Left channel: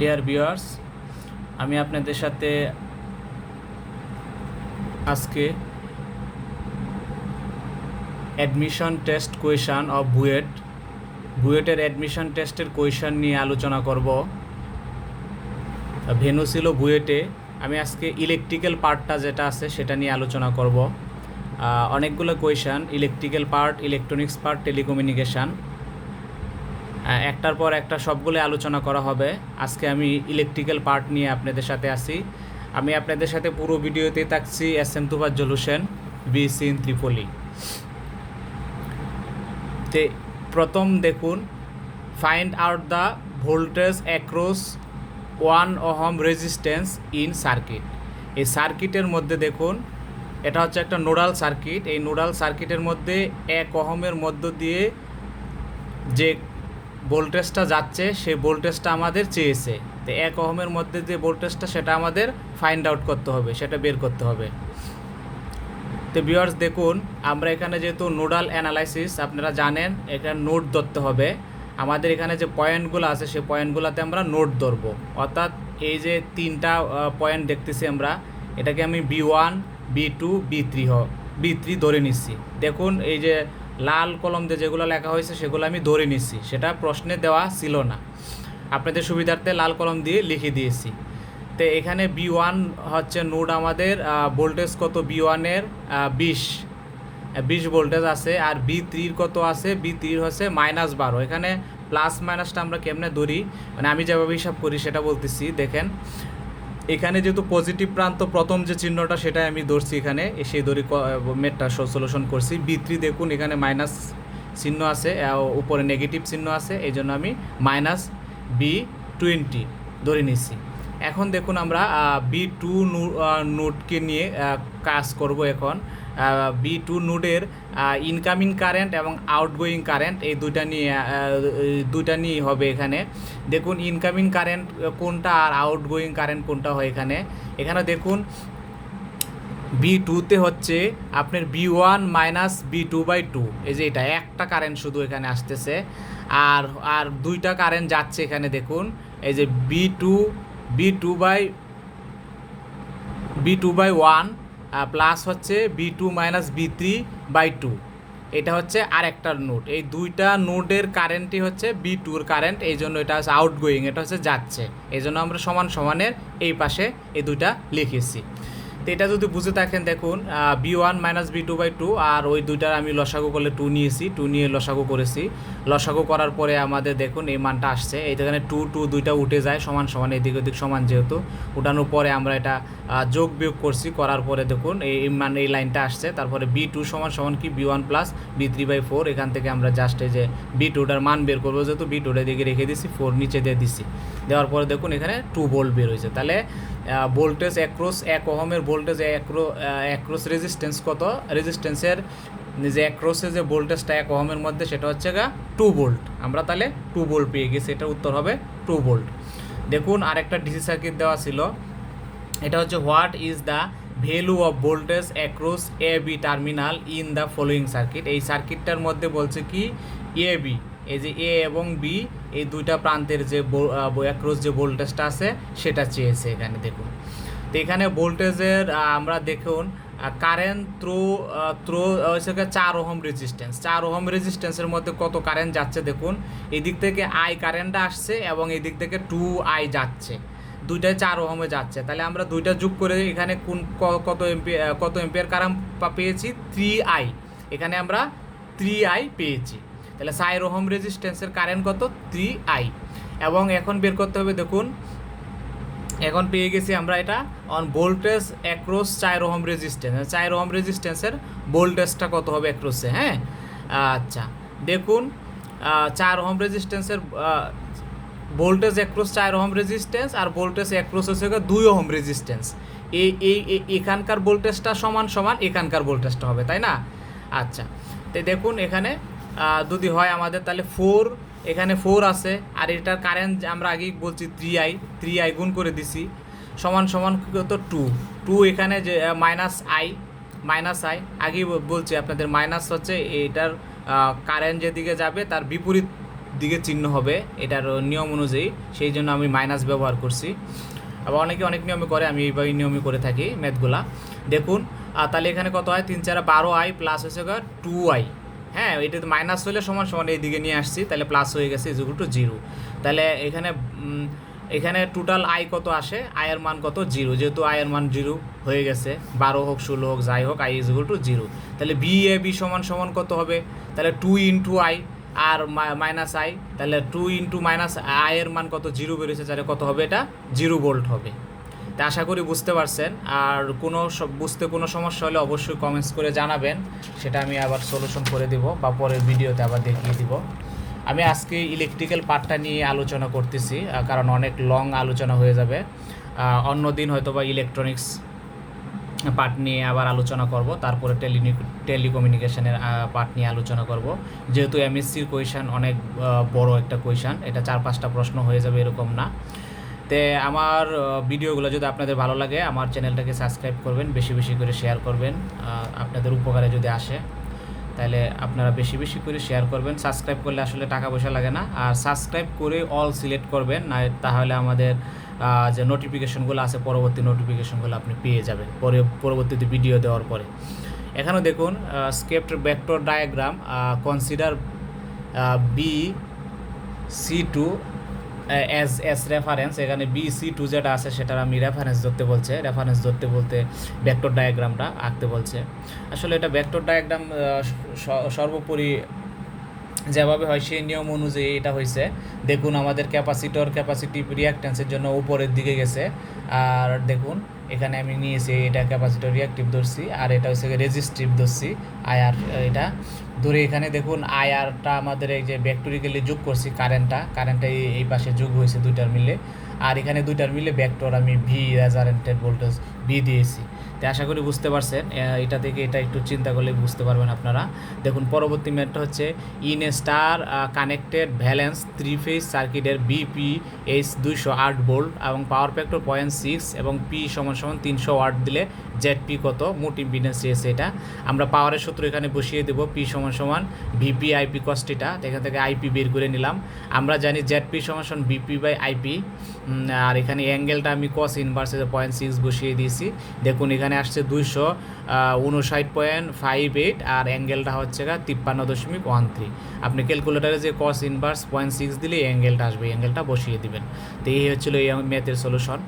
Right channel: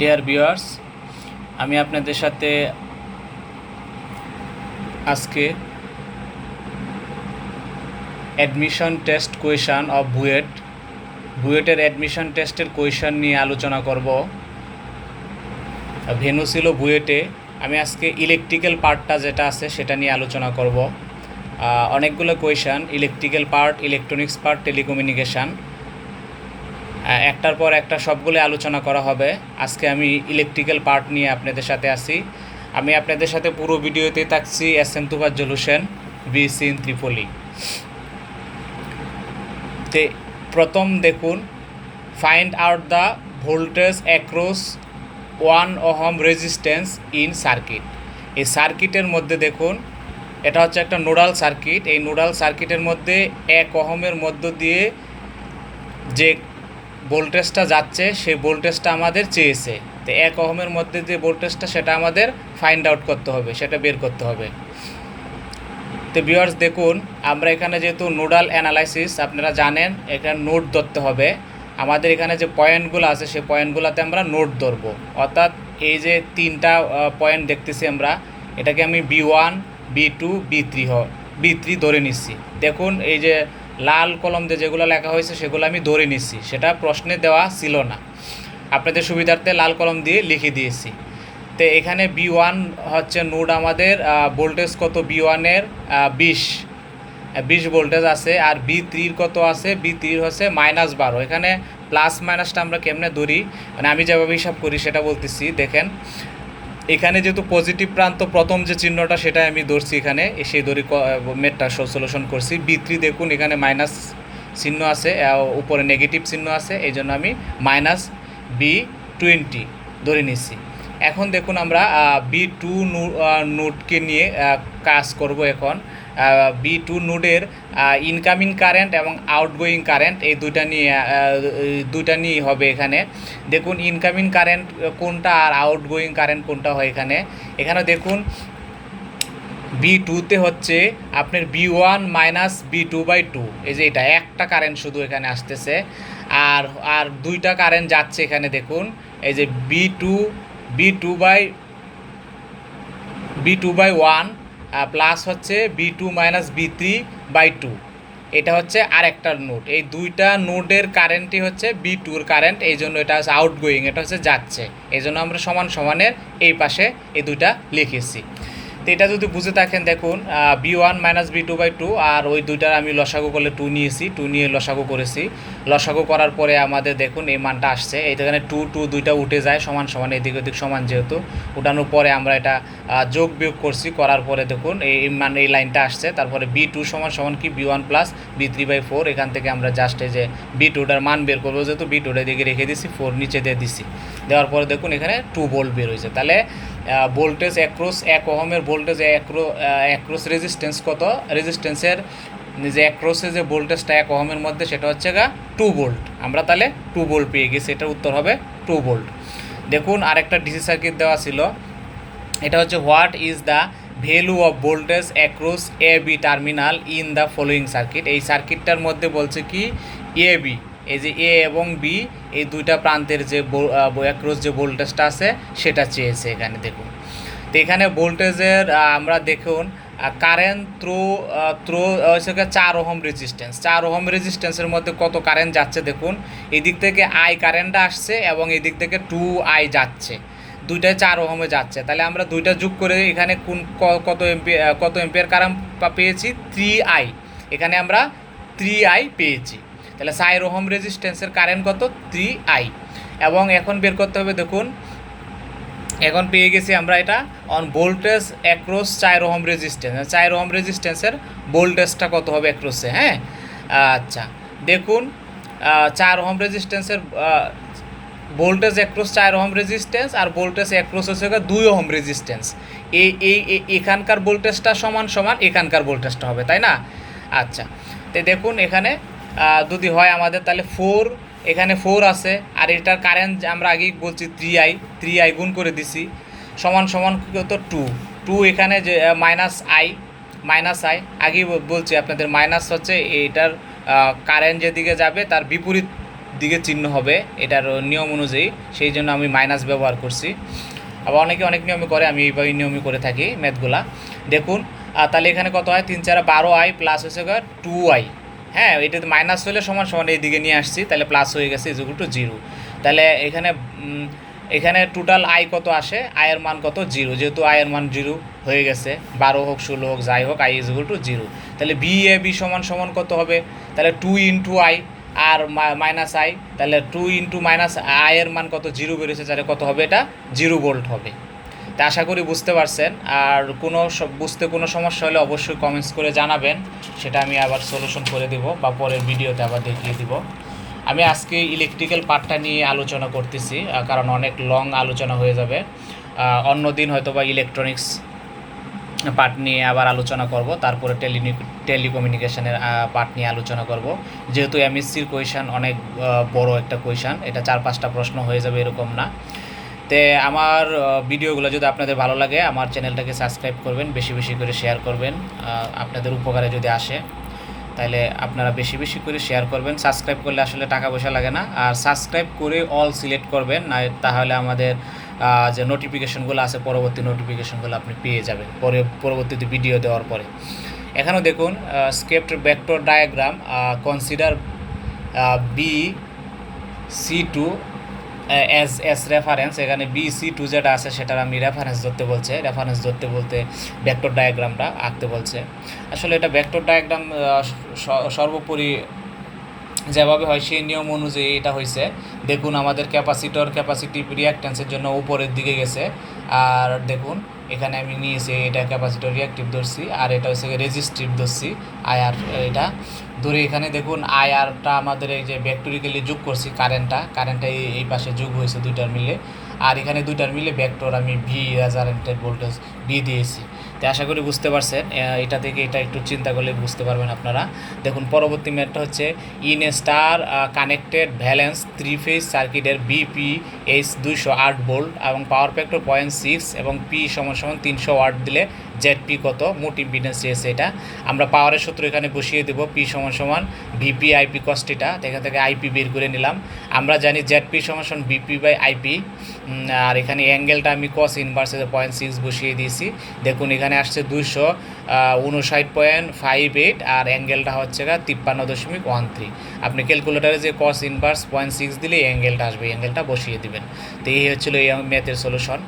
Dear viewers, আমি আপনাদের সাথে আজকে অ্যাডমিশন টেস্ট কোয়েশন অফ বুয়েটের অ্যাডমিশন টেস্টের কোয়েশন নিয়ে আলোচনা করব। ভেন্যু ছিল বুয়েটে। আমি আজকে ইলেকট্রিক্যাল পার্টটা যেটা আছে সেটা নিয়ে আলোচনা করব। অনেকগুলো question, electrical part, electronics part, telecommunication, একটার পর একটা সবগুলো আলোচনা করা হবে। আজকে আমি ইলেকট্রিক্যাল পার্ট নিয়ে আপনাদের সাথে আসি। আমি আপনাদের সাথে পুরো ভিডিওতে থাকছি SM.Tufazzal Hossain, B.Sc ইন ত্রিপলি। তে প্রথম দেখুন, find out the voltage across 1 ohm resistance in circuit. এই সার্কিটের মধ্যে দেখুন, এটা হচ্ছে একটা নোডাল সার্কিট। এই নোডাল সার্কিটের মধ্যে 1 ওহমের মধ্য দিয়ে যে ভোল্টেজটা যাচ্ছে সেই ভোল্টেজটা আমাদের চেয়েছে। তো 1 ওহমের মধ্যে যে ভোল্টেজটা সেটা আমাদের ফাইন্ড আউট করতে হবে, সেটা বের করতে হবে। তো ভিউয়ার্স দেখুন, আমরা এখানে যেহেতু নোডাল অ্যানালাইসিস আপনারা জানেন, এখানে নোড ধরতে হবে। আমাদের এখানে যে পয়েন্টগুলো আছে সেই পয়েন্টগুলোতে আমরা নোড ধরবো। অর্থাৎ এই যে 3টা পয়েন্ট দেখতেছি আমরা, এটাকে আমি B1, B2, B3 ধরে নিচ্ছি। দেখুন এই যে লাল কলম দিয়ে যেগুলো লেখা হয়েছে সেগুলো আমি ধরে নিচ্ছি, সেটা প্রশ্নে দেওয়া ছিল না, আপনাদের সুবিধার্থে লাল কলম দিয়ে লিখে দিয়েছি। তো এখানে B1 হচ্ছে নোড, আমাদের ভোল্টেজ কত, B1-এর 20 ভোল্টেজ আছে। আর B3-র কত আছে, B3-র হচ্ছে -12। এখানে প্লাস মাইনাসটা আমরা কেমনে ধরি, মানে আমি যেভাবে হিসাব করি সেটা বলতেছি। দেখেন এখানে যেহেতু পজিটিভ প্রান্ত প্রথম যে চিহ্নটা সেটা আমি ধরছি, এখানে সেই ধরি মেটটা সলিউশন করছি। B3 দেখুন এখানে মাইনাস চিহ্ন আছে, উপরে নেগেটিভ চিহ্ন আছে, এই জন্য আমি -B20 ধরে নিচ্ছি। এখন দেখুন আমরা B2 নোডকে নিয়ে কাজ করব। এখন B2 নোডের ইনকামিং কারেন্ট এবং আউটগোয়িং কারেন্ট এই দুইটা নিয়ে হবে এখানে। দেখুন ইনকামিং কারেন্ট কোনটা আর আউটগোয়িং কারেন্ট কোনটা হয় এখানে। এখানে দেখুন B2-তে হচ্ছে আপনার B1 - B2/2, এই যে এটা একটা কারেন্ট শুধু এখানে আসতেছে। আর দুইটা কারেন্ট যাচ্ছে এখানে। দেখুন এই যে B2/1 প্লাস হচ্ছে B2 - B3/2, এটা হচ্ছে আরেকটা নোড। এই দুইটা নোডের কারেন্টই হচ্ছে B2-র কারেন্ট, এই জন্য এটা হচ্ছে আউটগোয়িং, এটা হচ্ছে যাচ্ছে। এই জন্য আমরা সমান সমানের এই পাশে এই দুইটা লিখেছি। তো এটা যদি বুঝে থাকেন, দেখুন B1 - B2/2, আর ওই দুইটার আমি লসাগু করলে 2 নিয়েছি, 2 নিয়ে লসাগু করেছি। লসাগু করার পরে আমাদের দেখুন এই মানটা আসছে। এইখানে 2 দুইটা উঠে যায়, সমান সমান এদিক ওদিক সমান, যেহেতু উঠানোর পরে আমরা এটা যোগ বিয়োগ করছি, করার পরে দেখুন এই লাইনটা আসছে। তারপরে B2 সমান কি B1 + B3/4। এখান থেকে আমরা জাস্ট এই যে B2টার মান বের করবো, যেহেতু B2টা দিকে রেখে দিছি, 4 নিচে দিয়ে দিছি। দেওয়ার পরে দেখুন এখানে 2 ভোল্ট বের হয়েছে। তাহলে ভোল্টেজ অ্যাক্রস 1 ওহমের ভোল্টেজ অ্যাক্রস রেজিস্ট্যান্স কত, রেজিস্ট্যান্সের যে অ্যাক্রসে যে ভোল্টেজটা 1 ওহমের মধ্যে সেটা হচ্ছে 2 ভোল্ট। আমরা তাহলে 2 ভোল্ট পেয়ে গেছি, এটার উত্তর হবে 2 ভোল্ট। দেখুন আরেকটা ডিসি সার্কিট দেওয়া ছিল, এটা হচ্ছে what is the value of voltage across AB terminal in the following circuit. এই সার্কিটটার মধ্যে বলছে কি AB, এই যে A এবং B এই দুইটা প্রান্তের যে অ্যাক্রস যে ভোল্টেজটা আছে সেটা চেয়েছে এখানে। দেখুন তো এখানে ভোল্টেজের আমরা দেখুন কারেন্ট থ্রো হচ্ছে 4 ওহম রেজিস্ট্যান্স। 4 ওহম রেজিস্ট্যান্সের মধ্যে কত কারেন্ট যাচ্ছে দেখুন, এদিক থেকে I কারেন্টটা আসছে এবং এদিক থেকে 2I যাচ্ছে, দুইটায় 4 ওহমে যাচ্ছে। তাহলে আমরা দুইটা যোগ করে এখানে কত এম্পিয়ার কারেন্ট পেয়েছি, 3I। এখানে আমরা 3I পেয়েছি। তাহলে 4 ওহম রেজিস্ট্যান্সের কারেন্ট কত, 3I। এবং এখন বের করতে হবে, দেখুন এখন পেয়ে গেছি আমরা এটা on voltage across 4 ohm resistance. 4 ohm রেজিস্ট্যান্সের ভোল্টেজটা কত হবে অ্যাক্রসে, হ্যাঁ। আচ্ছা দেখুন 4 ওহম রেজিস্ট্যান্সের ভোল্টেজ অ্যাক্রস 4 ওহম রেজিস্ট্যান্স, আর ভোল্টেজ অ্যাক্রস হচ্ছে 2 ওহম রেজিস্ট্যান্স। এখানকার ভোল্টেজটা সমান এখানকার ভোল্টেজটা হবে, তাই না। আচ্ছা তো দেখুন এখানে যদি হয় আমাদের, তাহলে 4 এখানে 4 আছে, আর এটার কারেন্ট আমরা আগেই বলছি 3I গুণ করে দিছি, সমান কত 2 এখানে যে -I আগেই বলছি আপনাদের, মাইনাস হচ্ছে এটার কারেন্ট যেদিকে যাবে তার বিপরীত দিকে চিহ্ন হবে এটার নিয়ম অনুযায়ী, সেই জন্য আমি মাইনাস ব্যবহার করছি। আবার অনেকে অনেক নিয়মে করে, আমি এইভাবে নিয়মই করে থাকি ম্যাথগুলা। দেখুন তাহলে এখানে কত হয়, 3 4 12i প্লাস হচ্ছে 2i। হ্যাঁ, এটা মাইনাস হলে সমান সমান এইদিকে নিয়ে আসছি, তাহলে প্লাস হয়ে গেছে ইকুয়াল টু 0। তাহলে এখানে টোটাল আই কত আসে, আয়ের মান কত 0, যেহেতু আয়ের মান 0 হয়ে গেছে, 12 হোক 16 হোক যাই হোক, আই ইকুয়াল টু 0। তাহলে বি এ বি সমান সমান কত হবে, তাহলে 2 ইন্টু আই আর মাইনাস আই, তাহলে 2 ইন্টু মাইনাস আয়ের মান কত 0 বেরোছে, তাহলে কত হবে, এটা 0 ভোল্ট হবে। তা আশা করি বুঝতে পারছেন। আর বুঝতে কোনো সমস্যা হলে অবশ্যই কমেন্টস করে জানাবেন, সেটা আমি আবার সলিউশন করে দিব বা পরের ভিডিওতে আবার দেখিয়ে দিব। আমি আজকে ইলেকট্রিক্যাল পার্টটা নিয়ে আলোচনা করতেছি, কারণ অনেক লং আলোচনা হয়ে যাবে। অন্য দিন হয়তো বা ইলেকট্রনিক্স পার্ট নিয়ে আবার আলোচনা করব, তারপরে টেলিকমিউনিকেশনের পার্ট নিয়ে আলোচনা করব। যেহেতু এমএসসির কোয়েশান অনেক বড় একটা কোয়েশান, এটা 4-5টা প্রশ্ন হয়ে যাবে এরকম না। তে আমার ভিডিওগুলো যদি আপনাদের ভালো লাগে, আমার চ্যানেলটাকে সাবস্ক্রাইব করবেন, বেশি বেশি করে শেয়ার করবেন। আপনাদের উপকারে যদি আসে তাহলে আপনারা বেশি বেশি করে শেয়ার করবেন। সাবস্ক্রাইব করলে আসলে টাকা পয়সা লাগে না, আর সাবস্ক্রাইব করে অল সিলেক্ট করবেন, না তাহলে আমাদের যে নোটিফিকেশনগুলো আছে, পরবর্তী নোটিফিকেশনগুলো আপনি পেয়ে যাবেন পরবর্তীতে ভিডিও দেওয়ার পরে। এখানেও দেখুন স্কেপ্ট vector diagram, consider B.Sc as reference. এখানে B.Sc যেটা আছে সেটার আমি রেফারেন্স ধরতে বলছে, রেফারেন্স ধরতে বলতে ভেক্টর ডায়াগ্রামটা আঁকতে বলছে। আসলে এটা ভেক্টর ডায়াগ্রাম সর্বোপরি যেভাবে হয় সেই নিয়ম অনুযায়ী এটা হয়েছে। দেখুন আমাদের ক্যাপাসিটিভ রিঅ্যাক্ট্যান্সের জন্য উপরের দিকে গেছে, আর দেখুন এখানে আমি নিয়েছি এটা ক্যাপাসিটর রিঅ্যাক্টিভ ধরছি, আর এটা হচ্ছে রেজিস্টিভ ধরছি আইআর। এটা ধরে এখানে দেখুন আইআরটা আমাদের এই যে ভেক্টরিক্যালি যোগ করছি, কারেন্টটা এই পাশে যোগ হয়েছে দুইটার মিলে, আর এখানে দুইটার মিলে ভেক্টর আমি ভি রেজারেন্টেড ভোল্টেজ ভি দিয়েছি। তো আশা করি বুঝতে পারছেন, এটা থেকে এটা একটু চিন্তা করলে বুঝতে পারবেন আপনারা। দেখুন পরবর্তী ম্যাথটা হচ্ছে in a star connected valence 3 phase সার্কিটের BPH 208 ভোল্ট এবং পাওয়ার ফ্যাক্টর 0.6 এবং P সমান 300 ওয়াট দিলে ZP কত, মোট ইম্পিডেন্স চেয়েছে। এটা আমরা পাওয়ারের সূত্র এখানে বসিয়ে দেবো, P সমান VP IP cos θ, এখান থেকে IP বের করে নিলাম। আমরা জানি ZP সমান VP বাই IP, আর এখানে অ্যাঙ্গেলটা আমি cos ইনভার্সে 0.6 বসিয়ে দিয়েছি। দেখুন এখানে আসছে 259.58, আর অ্যাঙ্গেলটা হচ্ছে 53.13। আপনি ক্যালকুলেটারে যে cos ইনভার্স 0.6 দিলে অ্যাঙ্গেলটা আসবে, অ্যাঙ্গেলটা বসিয়ে দিবেন। তো এই হচ্ছিল এই ম্যাথের সলিউশন।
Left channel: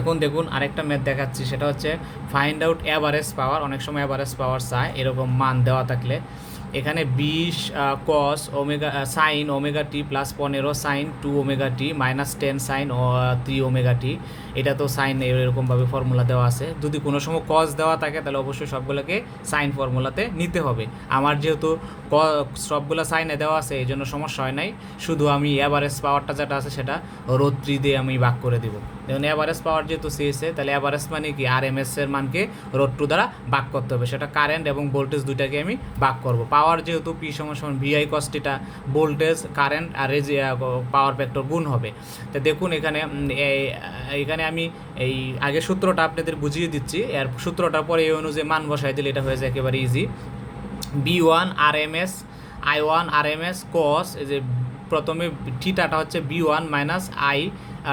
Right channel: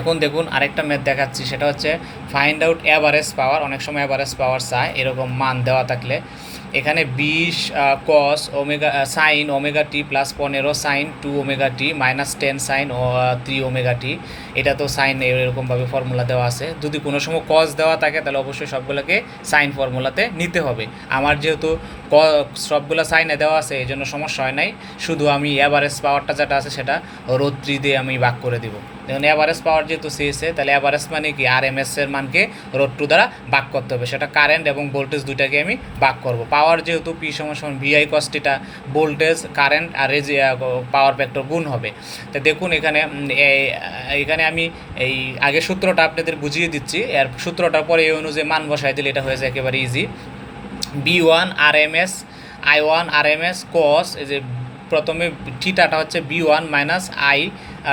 এখন দেখুন আরেকটা ম্যাথ দেখাচ্ছি, সেটা হচ্ছে ফাইন্ড আউট অ্যাভারেজ পাওয়ার। অনেক সময় অ্যাভারেজ পাওয়ার চায়, এরকম মান দেওয়া থাকলে এখানে 20 cos omega sine omega t plus 15 sign 2 omega t minus 10 sign 3 omega t. এটা তো সাইন এরকমভাবে ফর্মুলা দেওয়া আছে। যদি কোনো সময় কস দেওয়া থাকে তাহলে অবশ্যই সবগুলোকে সাইন ফর্মুলাতে নিতে হবে। আমার যেহেতু সবগুলো সাইনে দেওয়া আছে এই জন্য সমস্যা হয় নাই, শুধু আমি অ্যাভারেজ পাওয়ারটা যেটা আছে সেটা √3 দিয়ে আমি ভাগ করে দিব। দেখুন অ্যাভারেজ পাওয়ার যেহেতু চেয়েছে, তাহলে অ্যাভারেজ মানে কি, RMS এর মানকে √2 দ্বারা ভাগ করতে হবে, সেটা কারেন্ট এবং ভোল্টেজ দুইটাকে আমি ভাগ করব। পাওয়ার যেহেতু P সমান VI cos θ, ভোল্টেজ কারেন্ট আর পাওয়ার ফ্যাক্টর গুণ হবে। তো দেখুন এখানে আমি এই আগে সূত্রটা আপনাদের বুঝিয়ে দিচ্ছি, এর সূত্রটার পরে এই অনুযায়ী মান বসাই দিলে এটা হয়ে যায় একেবারে easy. B1 RMS I1 RMS cos, এই যে প্রথমে থিটাটা হচ্ছে B1 মাইনাস I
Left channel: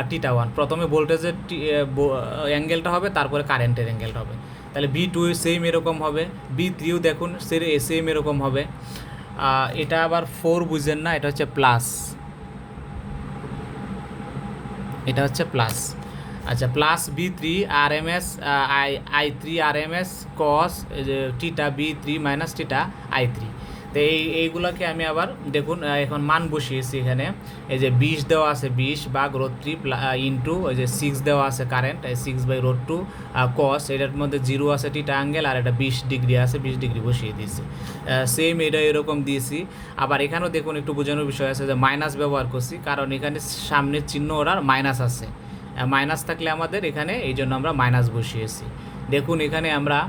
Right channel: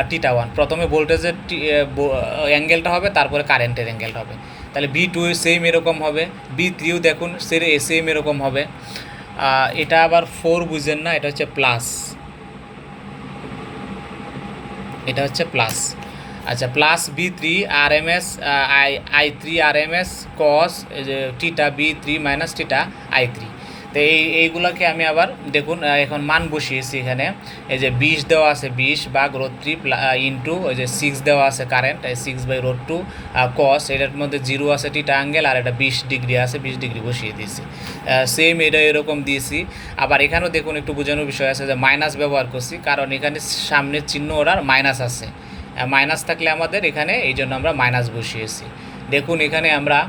θ1, প্রথমে ভোল্টেজের অ্যাঙ্গেলটা হবে, তারপরে কারেন্টের অ্যাঙ্গেলটা হবে। তাহলে B2 সেম এরকম হবে, B3ও দেখুন সেম এরকম হবে। এটা আবার 4 বুঝেন না, এটা হচ্ছে প্লাস, এটা হচ্ছে প্লাস। আচ্ছা, plus B3 RMS I3 RMS cos এই যে theta B3 minus theta I3। তো এইগুলোকে আমি আবার দেখুন এখন মান বসিয়েছি এখানে। এই যে 20 দেওয়া আছে, 20 ভাগ √3 ইন্টু ওই যে 6 দেওয়া আছে কারেন্ট, 6/√2 cos, এটার মধ্যে 0 আছে থিটা অ্যাঙ্গেল, আর এটা 20 ডিগ্রি আছে, 20 ডিগ্রি বসিয়ে দিয়েছি। সেম এটা এরকম দিয়েছি। আবার এখানেও দেখুন একটু বোঝানোর বিষয় আছে যে মাইনাস ব্যবহার করছি, কারণ এখানে সামনের চিহ্ন ওরার মাইনাস আছে, মাইনাস থাকলে আমাদের এখানে এই জন্য আমরা মাইনাস বসিয়েছি। দেখুন এখানে আমরা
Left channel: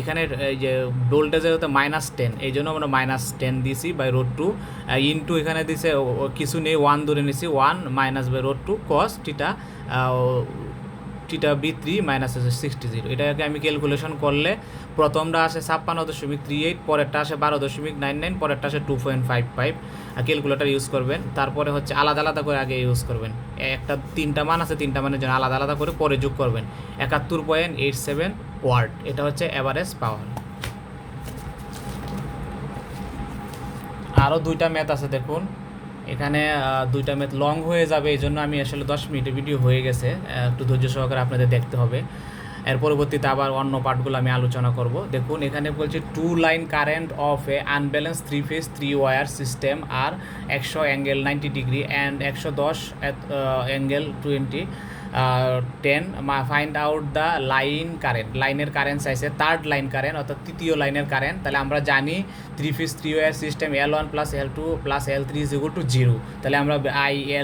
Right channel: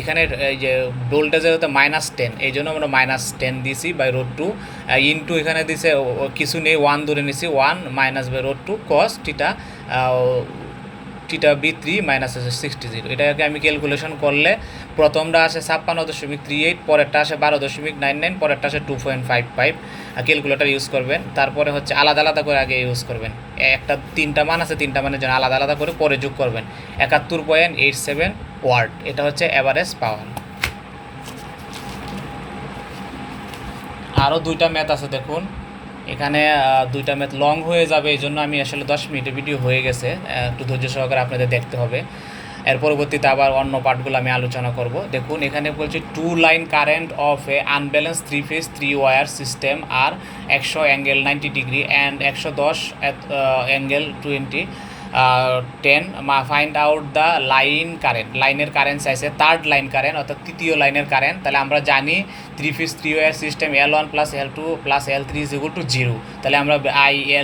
এখানে এই যে ভোল্টেজের হতে -10, এই জন্য আমরা -10 দিয়েছি √2 ইন্টু এখানে দিছে কিছু নেই 1 ধরে নিছি, 1 - √2 cos θ 50টা B3 মাইনাস হচ্ছে 60, এটাকে আমি ক্যালকুলেশন করলে প্রথমটা আসে 56.38, পরেরটা আসে 12.99, পরেরটা আসে 2.55। ক্যালকুলেটার ইউজ করবেন, তারপরে হচ্ছে আলাদা আলাদা করে আগে ইউজ করবেন, একটা 3টা মান আছে, 3টা মানের জন্য আলাদা আলাদা করে পরে যোগ করবেন। 71.87 ওয়াট, এটা হচ্ছে অ্যাভারেজ পাওয়ার। আরও 2টা ম্যাথ আছে দেখুন, এখানে 2টা ম্যাথ লং হয়ে যাবে, এই জন্য আমি আসলে 10 মিনিটের ভিডিও হয়ে গেছে, একটু ধৈর্য সহকারে আপনাদের দেখতে হবে। এর পরবর্তীতে আবার অন্য পার্টগুলো আমি আলোচনা করব। দেখুন এখানে বলছে 2 line current of a unbalance 3 phase 3 wire system আর 100 angle 90 degree and 110 angle 20 10 find out the line current. লাইনের কারেন্ট চাইছে, থার্ড লাইন কারেন্ট অর্থাৎ তৃতীয় লাইনের কারেন্ট। তাহলে আমরা জানি 3 phase 3 wire system L1 plus L2 plus L3 is equal to 0। তাহলে আমরা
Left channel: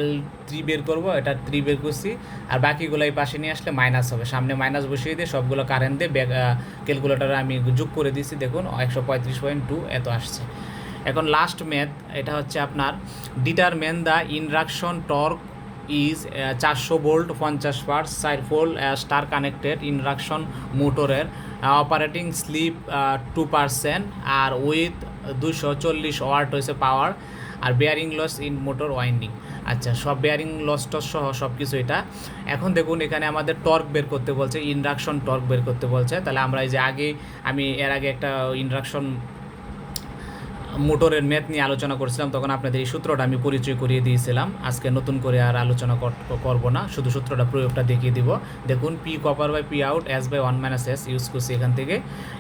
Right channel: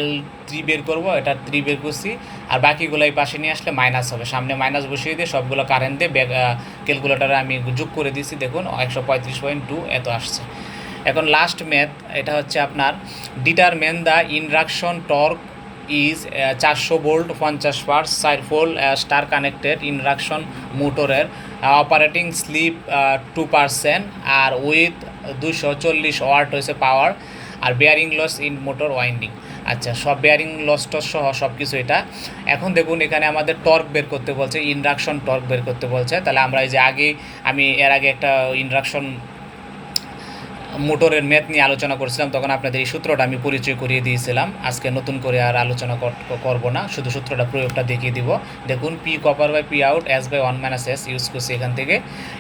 L3 বের করবো, এটা 3 বের করছি, আর বাকিগুলো এই পাশে নিয়ে আসলে মাইনাস হবে, সামনে মাইনাস বসিয়ে দিয়ে সবগুলো কারেন্ট দিয়ে ক্যালকুলেটারে আমি যোগ করে দিচ্ছি। দেখুন 135.2 এত আসছে। এখন লাস্ট ম্যাথ, এটা হচ্ছে আপনার determine the induction torque is 400 volt 50 পার্স 4 পোল স্টার কানেক্টেড ইন্ডাকশন মোটরের অপারেটিং স্লিপ 2% আর উইথ 240 ওয়াট হয়েছে পাওয়ার, আর bearing loss in motor winding. আচ্ছা, সব বেয়ারিং লস টস সহ সব কিছু এটা। এখন দেখুন এখানে আমাদের টর্ক বের করতে বলছে, ইন্ডাকশন টর্ক বের করতে বলছে। তাহলে আমরা এই যে আমি এর আগে একটা ইন্ডাকশন মোটরের ম্যাথ নিয়ে আলোচনা করছিলাম, তখন আপনাদের এই সূত্রটা আমি পরিচয় করিয়ে দিয়েছিলাম। আজকে নতুন করে আর আলোচনা করব না, শুধু সূত্রটা প্রয়োগটা দেখিয়ে দিব। দেখুন P copper by P out S by 1 - S use করছি।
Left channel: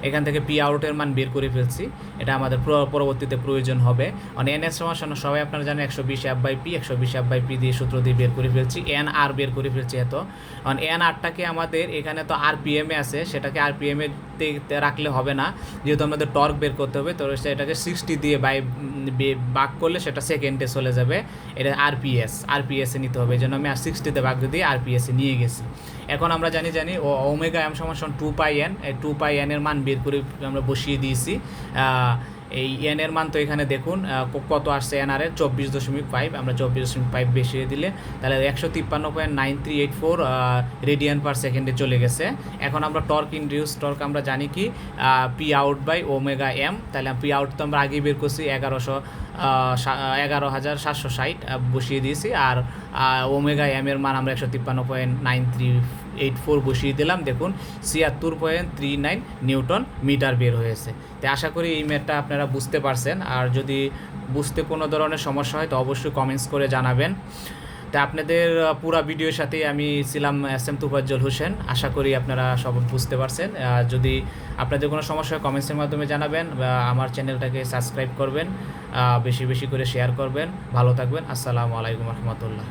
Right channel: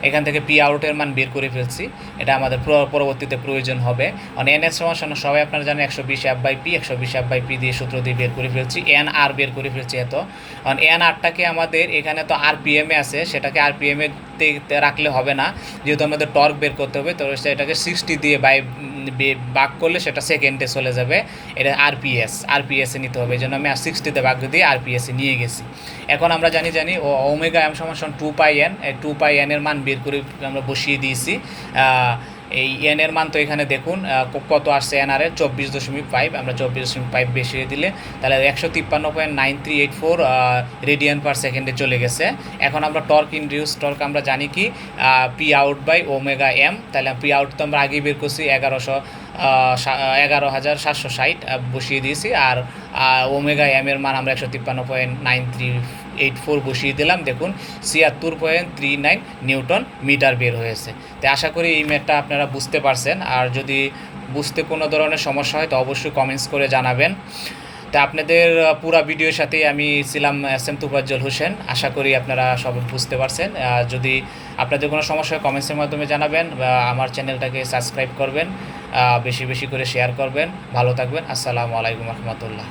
এখান থেকে পি আউটের মান বের করে ফেলছি, এটা আমাদের পরবর্তীতে প্রয়োজন হবে। মানে এন এস সমান সবাই আপনারা জানেন 120 F by P, 120 F by P দিয়ে সূত্র দিয়ে বের করে ফেলছি। এন আর বের করে ফেলছি এত। কারণ এন আরটাকে আমাদের এখানে তো আরপিএমে আছে, সেটাকে আরপিএমে রাখলে হবে না, যেহেতু আমাদের টর্ক বের করতে হবে, তো এটাকে 60 দিয়ে ভাগ করলে সেটা সেকেন্ডে চলে যাবে। এটা আরপিএসে নিতে হবে, এই জন্য আমি 60তে ভাগ দিয়ে আরপিএসে নিয়ে গেছি। এখন আমরা জানি ওমেগা এম সমান 2πn, এই 2πn এর মান বের করে আমরা বসিয়ে দিয়েছি। এই এন এর মান তো এখানে দেখুন কত আসছে, এন আর এর 24.5, আমরা 24.5 বসিয়ে দিলে তাহলে 153.9384 রেডিয়ান পার সেকেন্ডে চলে গেছে। এখন আমরা টর্ক ইনডিউস টর্ক আমরা জানি কি P out by omega M. তাহলে পি আউট তো আমরা আগেই বের করছি 11,760 বসিয়ে দিয়েছি, আর ওমেগা এম এর মান আমরা 153.9384 বসিয়ে দিলাম। দেখুন 76.39 নিউটন মিটার বের হয়েছে। তো আশা করি এই ম্যাথটা আপনারা বুঝতে পারছেন, আর যদি বুঝতে কোনো ধরনের সমস্যা হয় তো অবশ্যই কমেন্টস করে জানাবেন। তা আপনাদের পুরো ভিডিওর সাথেই আমি ছিলাম SM.Tufazzal Hossain। আশা করি আপনারা সব বুঝতে পারছেন। যদি আপনাদের কোনো সমস্যা হয় কমেন্টসের মাধ্যমে জানাবেন, বা আমার চ্যানেলটাকে সাবস্ক্রাইব করবেন, বেশি বেশি করে শেয়ার করবেন। ভালো থাকবেন। আসসালামু আলাইকুম রহমতুল্লাহ।